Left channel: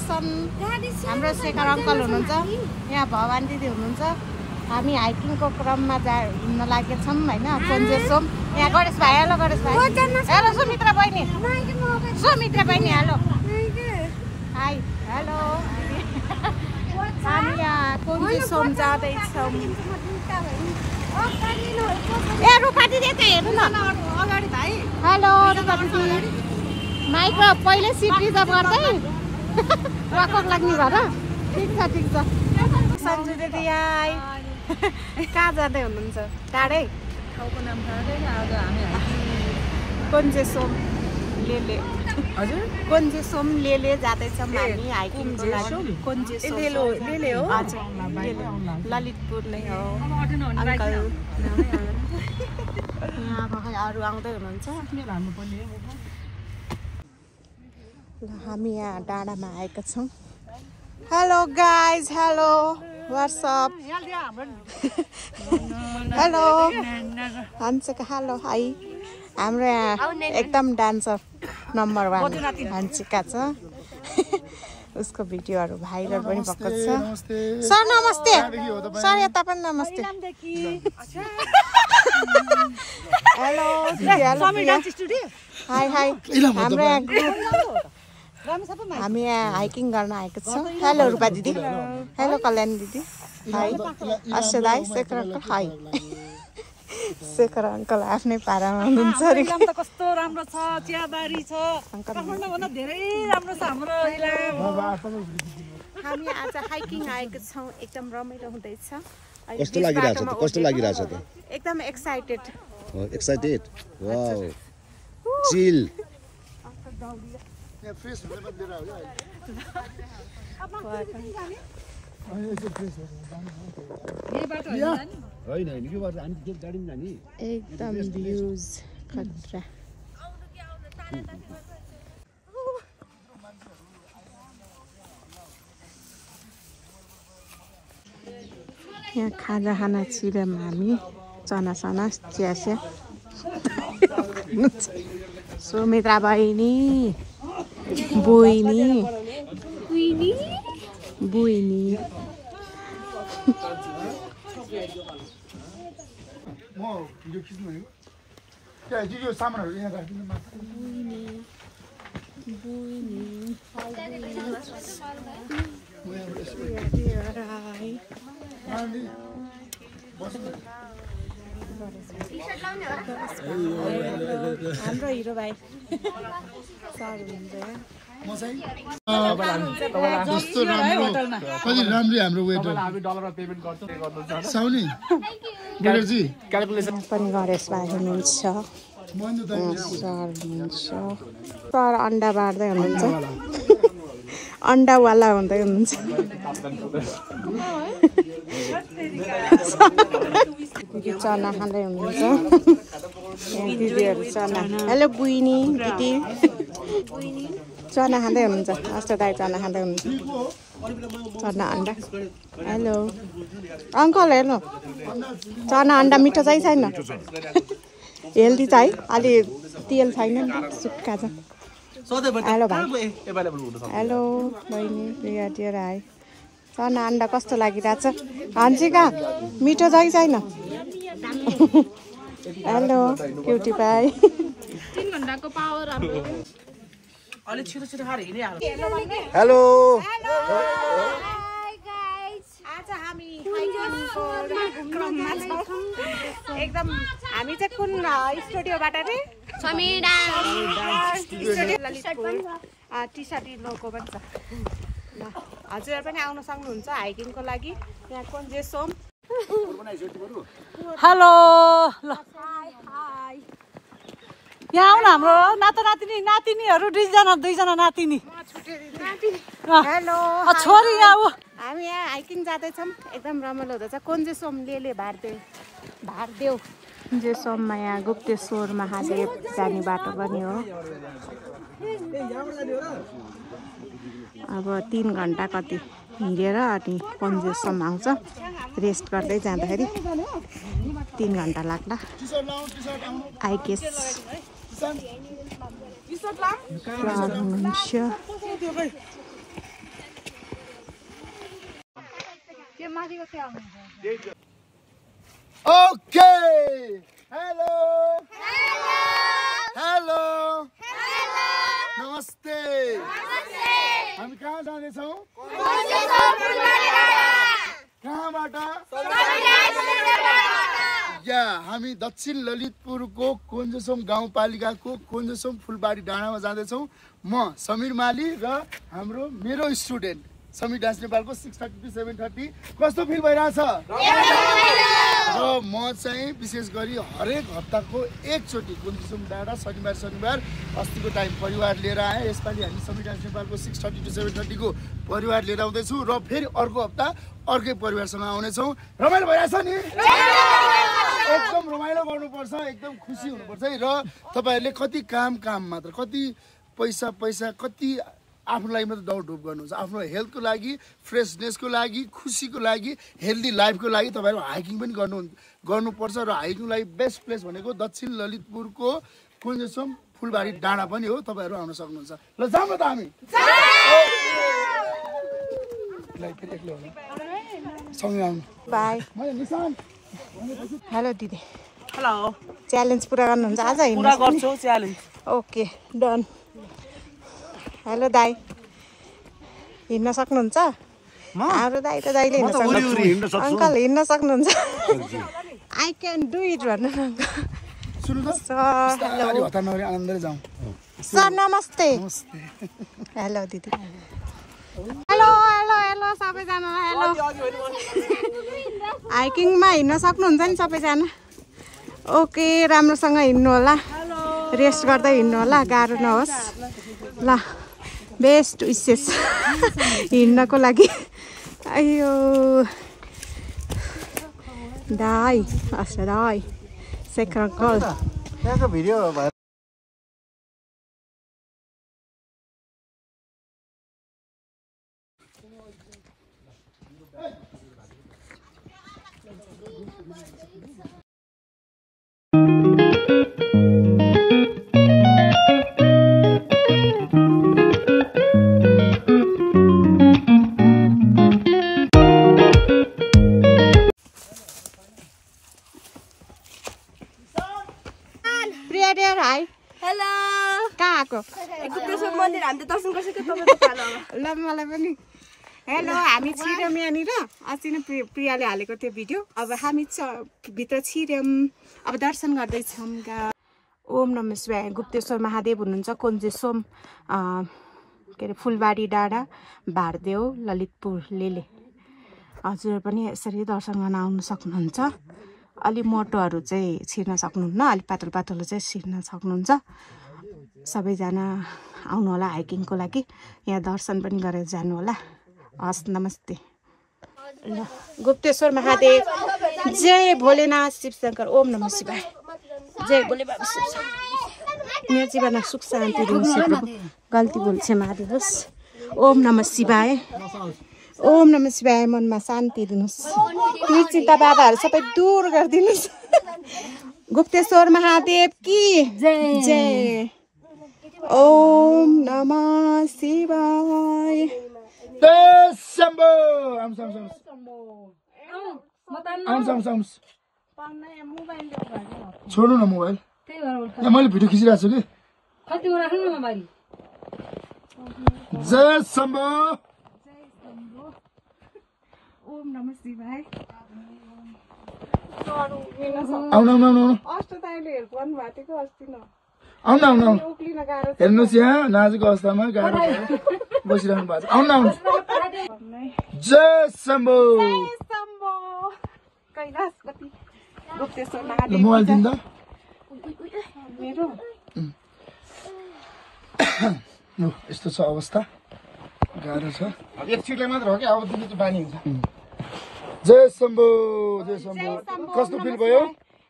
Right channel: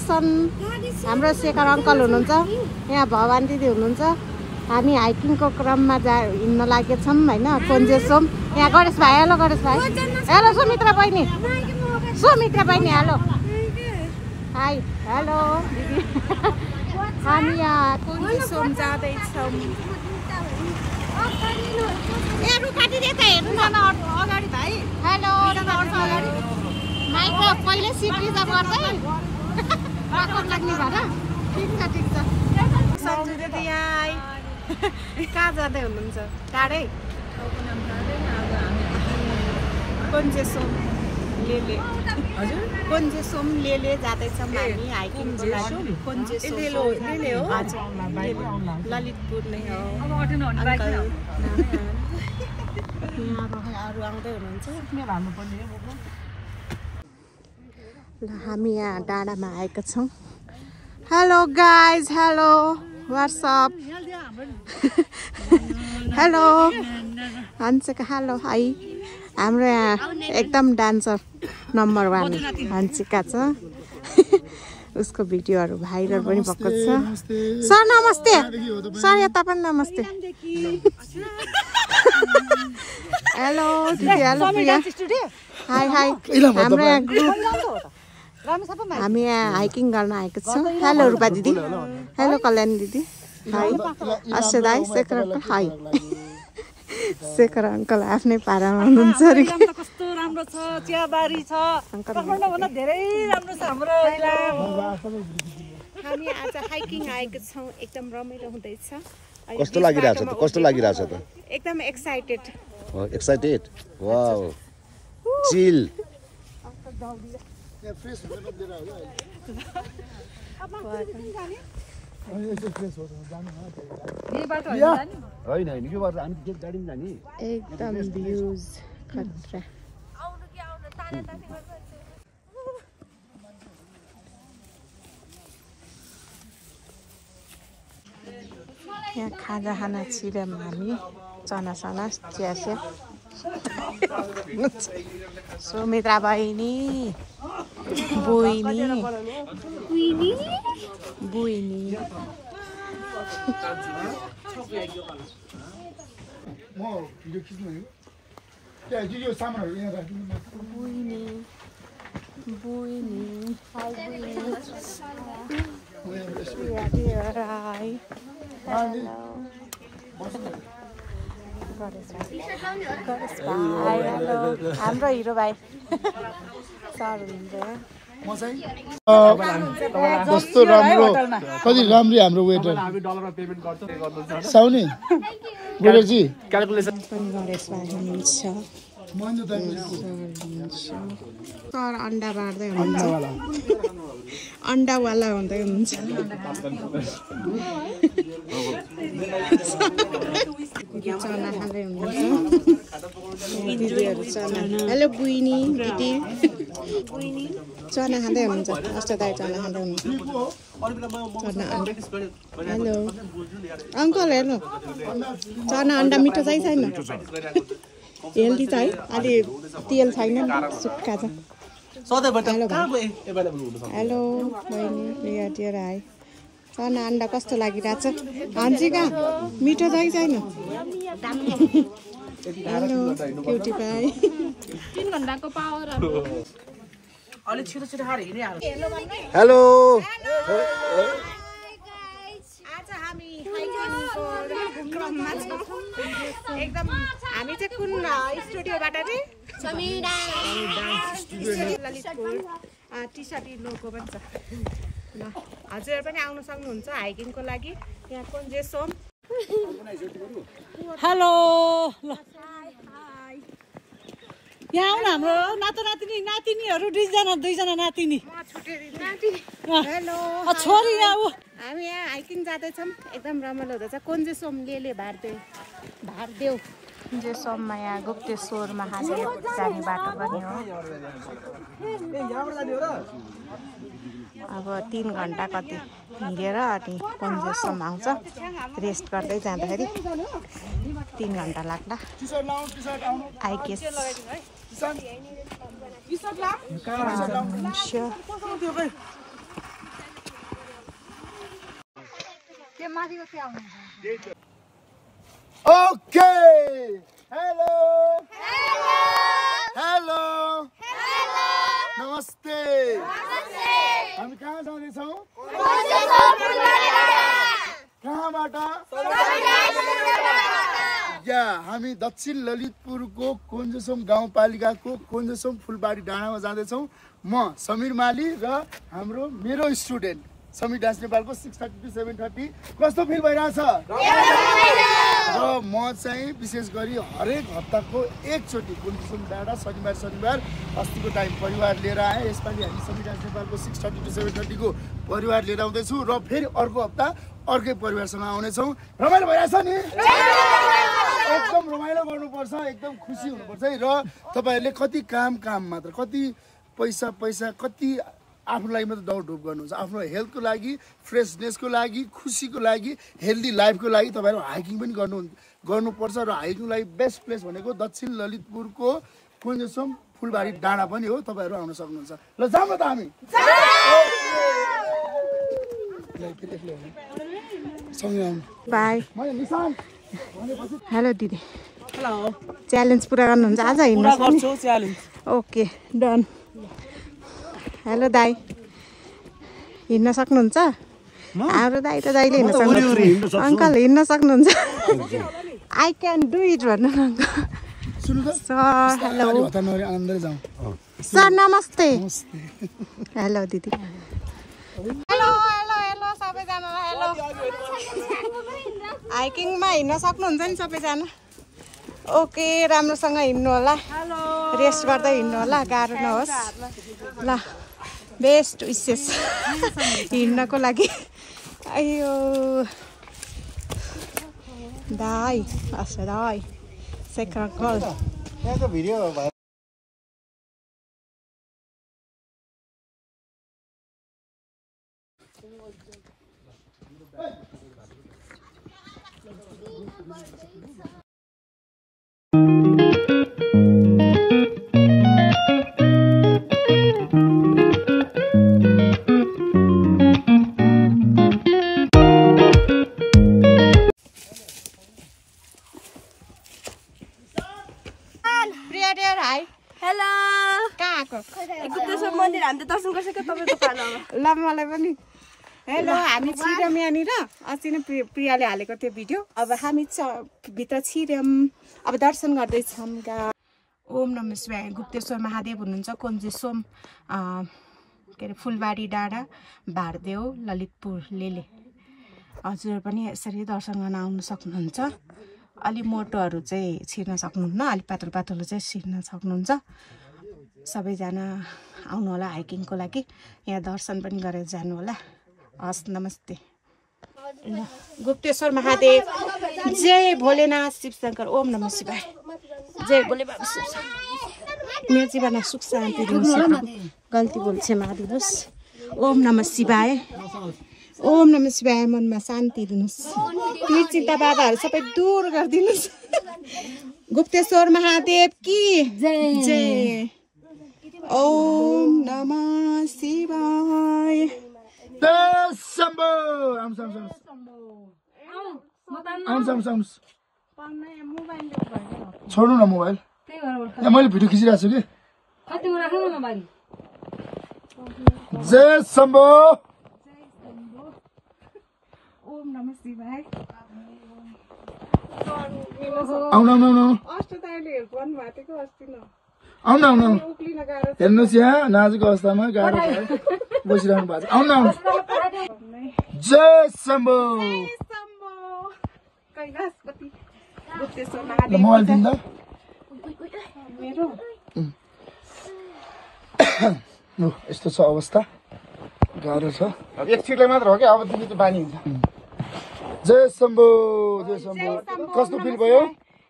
दर्शन हाम्रो शेखर अङ्कल हुनुहुन्छ यहाँ भवानी दिदी हुनुहुन्छ हामी हाइकिङको क्रममा हिँड्न लागेछौँ होइन कोन्जेसोम यहाँ गणेश भाइ हेलो गणेश भाइ हेलो सुमित्रा बहिनी हेलो हाई हेलो हामी यहाँ कोन्जेसोम जाँदैछौँ ए रुपा दिदी त हेर्नु न अगाडि भाइ हेलो अगाडि माइक पहिले सिट रिजर्भ गर्दै रकम लाग्ने भएर ठिक छ सन्जु दिदी आइ कहाँ जाँदै हुनुहुन्छ टाढै ठाउँको नाम थाहा छैन आज हामी कोन्जेसोम लेले हजुर कोन्जेसोम लेले जाँदैछौँ हामी हाइकिङको लागि कोन्जेसोम लेले हो ललितपुर नै हो अङ्कल यहाँ अरू आउँदै हुनुहुन्छ हामी यहाँ डाँडामा आएका छौँ hello guys hello what's up hello Hansika hello hi हाम्रो यहाँ एकदम डान्सर नम्बर 1 हन्सिका छ उसको भिडियोहरू भाइरल पनि भएको छ सर नमस्ते सर यता पनि नमस्ते हेलो हाई हामी यहाँ हाइकिङ गर्न आएको छौँ हेलो रूपा दिदी हेलो कल्याणी दिदी हाई अश्य दाई शेखर हाई शेखर अङ्कल आफ्नै पारामा हुनुहुन्छ कस्तो राम्रो छ चियाबारी छ धेरै राम्रो छ हाम्रो हामी आज हाइकिङ आएको छौँ एकदम रमाइलो हुँदैछ कस्तो लागिरहेछ त एकदम एक्साइटेड वाउ चिल एकदम भ्यूज खतरा यहाँ खाना चिरामा हामी चना चिया सुमित्रा बहिनी बुइनी म भिडियो खिच्नु भनेको त्यहाँ यो सामानहरु यहाँ राख्नु हाम्रो हिरो भाइ सर हुनुहुन्छ कस्तो राम्रो कति राम्रो हाम्रो वेटर साउनी वेटरजी क्याल्कुलेसन पनि गणेश भाइ हुनुहुन्छ सर अन्डा बार्दै हुनुहुन्छ अन्डावाला हुँदै हुनुहुन्छ चना खाँदै हुनुहुन्छ दिदीहरू चना हेलो बुइनी दिदी चना खाँदै हुनुहुन्छ अष्ट दाइ चना खाँदै हुनुहुन्छ चना अन्डा हेलो अङ्कल हेर्नु चना अन्डा मिठो चाहिँ छैन हेल्दी छ है अलि तेल छैन नि सुक्खा छ हेलो भाइ हेलो बहिनी प्रिया राई चना अन्डा कस्तो लागिरहेछ हन्सिका मिठो चाहिँ छैन हेलो क्युटी भाइ 3 घण्टाको पावर हाम्रो अलि छिटो खाएर हिँडिहाल्नु हेलो आज हामी हाइकिङको क्रममा छौँ एकदम हामी चाहिँ कुन स्टुडियोबाट नि समीडा ललितपुर टी-सर्ट लोगो पनि छ ल हजुर पनि आउन सक्नुहुन्छ हाइकिङको लागि यहाँ कोन्जेसोम हेलो ल यहाँ आउन हाम्रो नातिनीहरू दुईजना नातिनी हेलो छोरी यहाँ हामी यहाँ हाइकिङ जाँदैछौँ एकदम रमाइलो हुँदैछ कोन्जेसोम लेले भारदेव कोन्जेसोममा यहाँ गुप्तेश्वर महादेव जाने बाटो पनि हो अब 3 घण्टा कति हिँडेर अनि कोन्जेसोम आउँछ रेस्ट गर्दै जाँदाखेरि 3 घण्टा लाग्ला आई गेस माथिको त्यो आउनु ओके हेलो हेलो नमस्ते हामी कहाँ जाँदैछौँ कहाँबाट या हामी दक्षिण ललितपुरको कोन्जेसोम गाउँपालिकाको कोन्जेसोम फुलबारी डाँडामा जाँदैछौँ म समीर माली र मेरो स्टुडेन्ट समीर डान्स नेपालको 6:30 to 7:30 कस्तो फिल भइरहेछ र म चाहिँ विशेष गरी हरेक हप्ताको एकचोटि कोन्जेसोम डाँडा शनिबार अस्तिको टाइम परिवार लिएर आएँ यसपालि हामी समीर डान्स नेपालको 6:30 to 7:30 को परिवार लिएर आउँदैछु र फेरि अर्को हप्ता अर्कै परिवारसँग आउनेछौँ रमाइलो भइरहेछ नि एकदम रमाइलो गर्नुपर्छ एकदम खुसी हुनुपर्छ है र तपाईहरुले कति काम मात्र कति पैसा कति आफ्नो लागि मात्र दौडधुप गर्नुहुन्छ आफ्नो हेल्थको लागि फ्रेशनेसको लागि खुसीको लागि हेल्दी लाइफको लागि तपाईहरु हाइकिङ पनि गर्नुपर्छ र हाइकिङ लागि बेस्ट प्लेस भनेको दक्षिण ललितपुरको कोन्जेसोम फुलबारी डाँडा पनि हो तपाईहरु आउन सक्नुहुन्छ ल जाम त हामी बाई हेलो दिदी हेलो च्यालेन्ज पुरा गर्नुहुन्छ आज हिँड्न गर्छु च्यालेन्ज ओके डन हेलो दाइ हिँड्न सक्नुहुन्छ हाम्रो दाइ त दाइले हिँड्न सक्नुहुन्छ अंकल हिँड्न सक्नुहुन्छ आई क्यान डु इट भन्नु सर नमस्ते हेलो दिदी हेलो हेलो हेलो सबैजना हेलो हाइकिङमा हिँड्न सक्नुहुन्छ नि सबैजना ओके राम्रोसँग हिँड्नु होला रेस्ट गर्दै हिँड्नु होला गाह्रो नहोस् ल बेस्ट विशेष हिँड्नको लागि अयो दाइ अच्छा दाइ सेकर गर्ल हेलो हामी छिर्यौँ यहाँनिर अस्ति नै प्रियाले हालेको त्यो भिडियो अब हामी भित्र छिर्यौँ अब दर्शन गर्दैछौँ ओम नमः शिवाय गुप्तेश्वर महादेव हुनुहुन्छ कोन्जेसोम के अरे फुलबारी डाँडा भारदेव ललितपुर लेले हजुर पनि यसरी दर्शन गर्न आउन सक्नुहुन्छ अलि मोटोहरू चाहिँ छिर्न सक्नुहुन्न अलि पातलो चाहिँ छिर्न सक्नुहुन्छ सबैजना आउनु होला हाइकिङको लागि यहाँ दर्शन पनि गरेर जानु होला हस् नमस्ते ल गुप्तेश्वर महादेव जय भोलेनाथ शिवशंकर ओम नमः शिवाय जय भोले बाबा शिव मेरो जीवनमा सुख शान्ति दिनुहोस् प्रभु गल्ती भुल क्षमा दिनुहोस् ओम नमः शिवाय मनमा शान्ति दिनुहोस् पीड चिन्ता बाबाहरू सबै दूर गरिदिनुहोस् गुप्तेश्वर महादेव की जय ओम नमः शिवाय छोड्नु न मोबाइल मैले भिडियो खिचिरहेको छु कि जय शम्भो ओम नमः शिवाय आउनु हेर्नुहोस् यहाँ नाजुक अवस्थामा गाह्रो बसिरहनु भएको छ आउनु जय शम्भो मोबाइल दिँदा यस्तो छ अवस्था गाह्रो छ एक छिटलाई मात्र हो कि अब दिने त बानी हुन्छ जय शम्भो कस्तो फिल भयो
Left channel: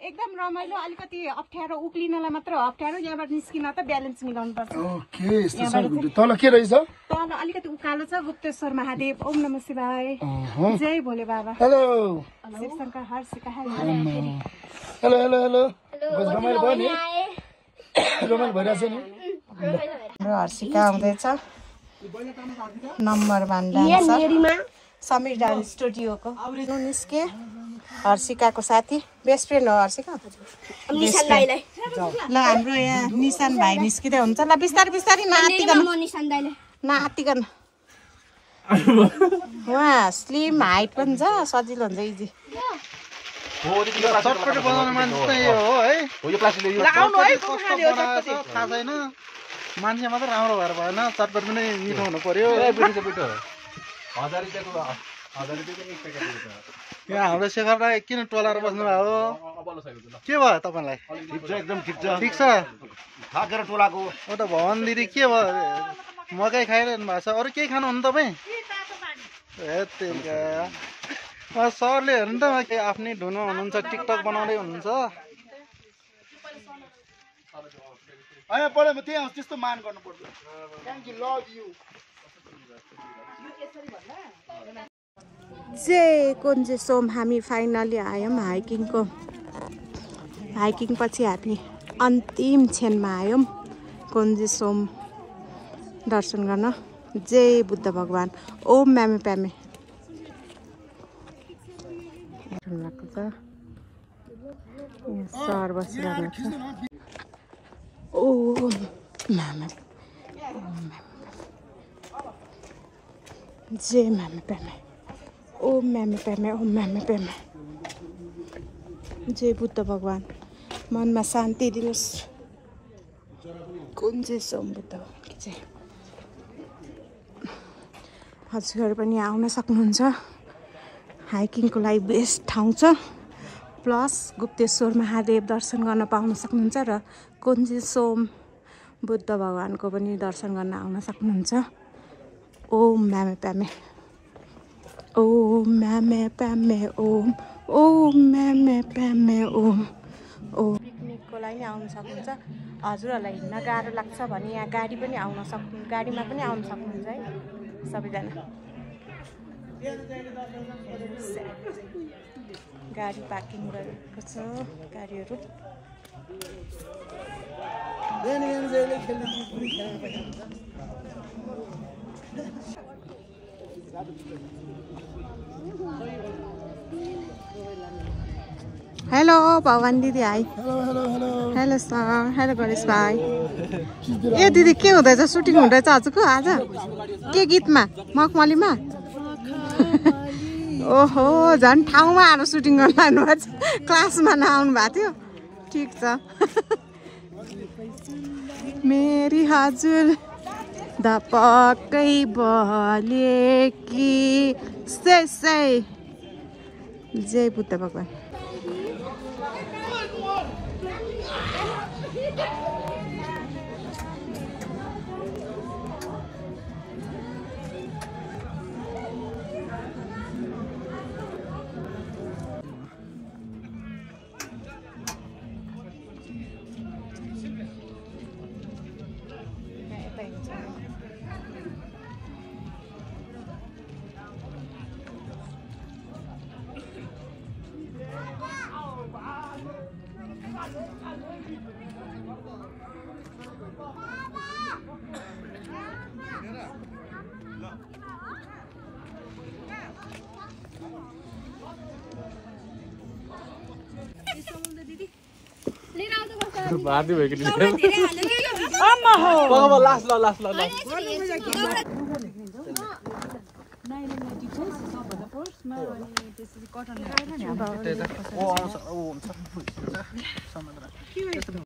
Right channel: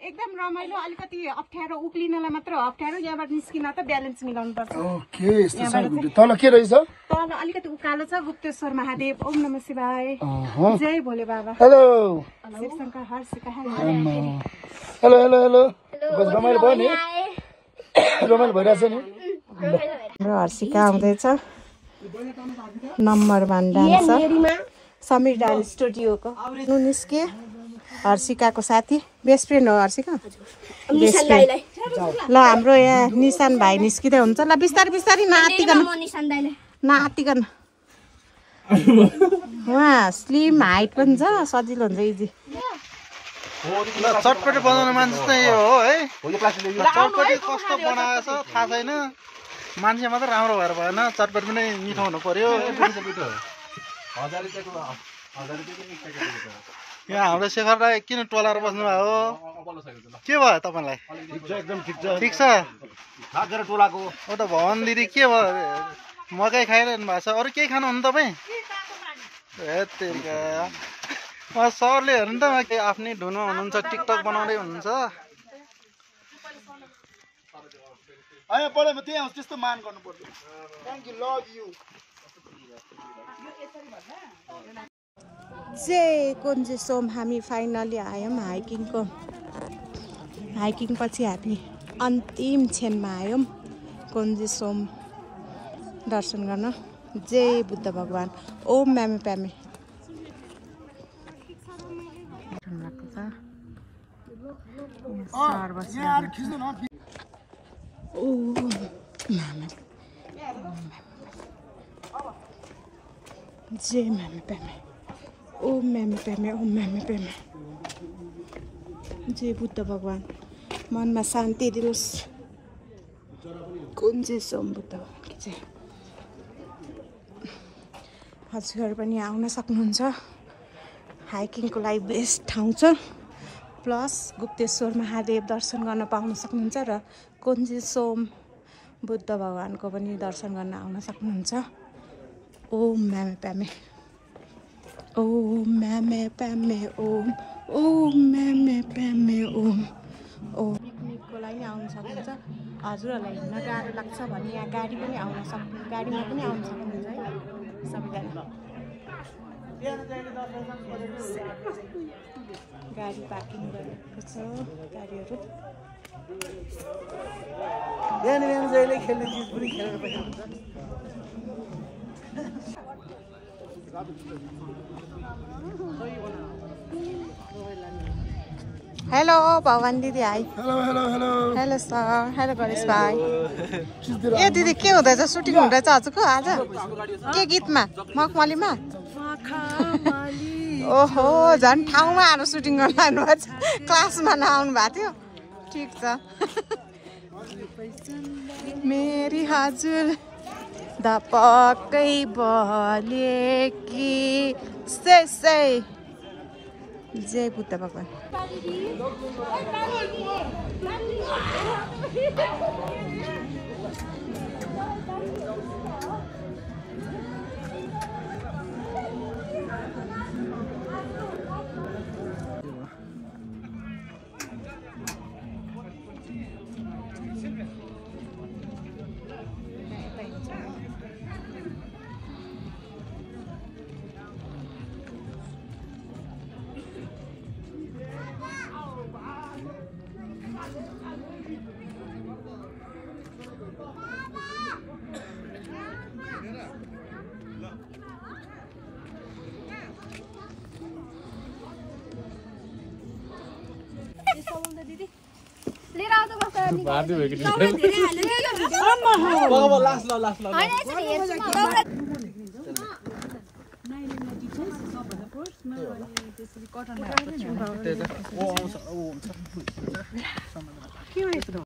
एकदम रमाइलो अलिकति अप्ठ्यारो उक्लिनलाई मात्र अप्ठ्यारो यहाँबाट निस्किन त ब्यालेन्स मिलाउनु पर्छ ओके यस्तो छ तल के रहेछ तल अलिकति उकालो छ गुप्तेश्वर महादेव ओम नमः शिवाय जय भोले बाबा hello Shivshankar hello hello hello रमाइलो भयो नि रमाइलो भइरहेछ नि हर्षिका आउँदैछ नम्बर 1 डान्स समीर डान्स स्टुडियोको नु निस्के हर्षिकाको साथी बेस्ट फ्रेन्ड हो हर्षिका ल हाम्रो यहाँ निशान भाइ निस्किँदै हुन्छ ल बिस्तारै बिस्तारै नातिकन उहाँ स्लिम हाइट पनि छ सजिलो हुन्छ इजी चटपटी बनाउने मान्छे चाहिँ यो हो है चटपटी कस्तो बनाएछ थाहा छैन मान्छे मात्रै राम्रो भएर भएन चटपटी पनि मिठो हुनु पर्यो यहाँ हाम्रो शेखर राई किन टोलाएर बस्नु भएको के भयो तपाईँलाई एकदम ठिक छ थाकेर टोलाको हो त भवन दिदी के भयो मकै खाइरहनु भएको छ अरू केही खानुहुन्न तपाईँ सरले हेर्नु त आफ्नै धुनमा हुनुहुन्छ टिकटक बनाउँदै हुनुहुन्छ त्यस्तो मान गर्नु पर्छ थ्याङ्क यू लभ यु जे कोन्जे सोम हामी फाइनली आयौँ हाइकिङ पछि हामी अन्तिम क्षणमा आयौँ कोन्जे सोम दर्शन गर्न जय बुद्ध भगवान ओम म्यामे प्यामे ओम म्यामे जय म्यामे प्यामे ओम म्यामे प्यामे ओम म्यामे प्यामे जय बुद्ध भगवान मनमा शान्ति दिनुहोस् कुन चाहिँ सोम बुद्ध भगवान चाहिँ हजुरहरू पनि आउन सक्नुहुन्छ हाइकिङको लागि बेस्ट ठाउँ छ प्लस गुप्तेश्वर महादेव दर्शन गर्न पाउन सक्नुहुन्छ र कुञ्जे सोम बुद्ध भगवानको पनि दर्शन गर्न आउन सक्नुहुन्छ ओम म्यामे प्यामे ओम म्यामे प्यामे ओम ओम म्यामे प्यामे ओम ओम पिकनिकको लागि नि आउन सक्नुहुन्छ हजुरहरूलाई हिँड्न गाह्रो लाग्छ भने यहाँ गाडी पनि आउन सक्नु गाडीमा पनि आउन सक्नुहुन्छ है सबैजना गाडी पार्किङ गरेको छ गाडीहरू हेलो भगवान दिदी hi hello sir hello Ganesh भाइ ए दिदी के हुँदैछ सुटिङ हुँदैछ हजुरको आज के गीतमा मखमलीमा ओहो झन् ठाउँमा आएर सुटिङ गर्न लानुभएको छ क्लासमा नआउनु भएको थियो ठिक छ मेरी हजुर द पक्कै बले कि से जय बुद्ध भगवान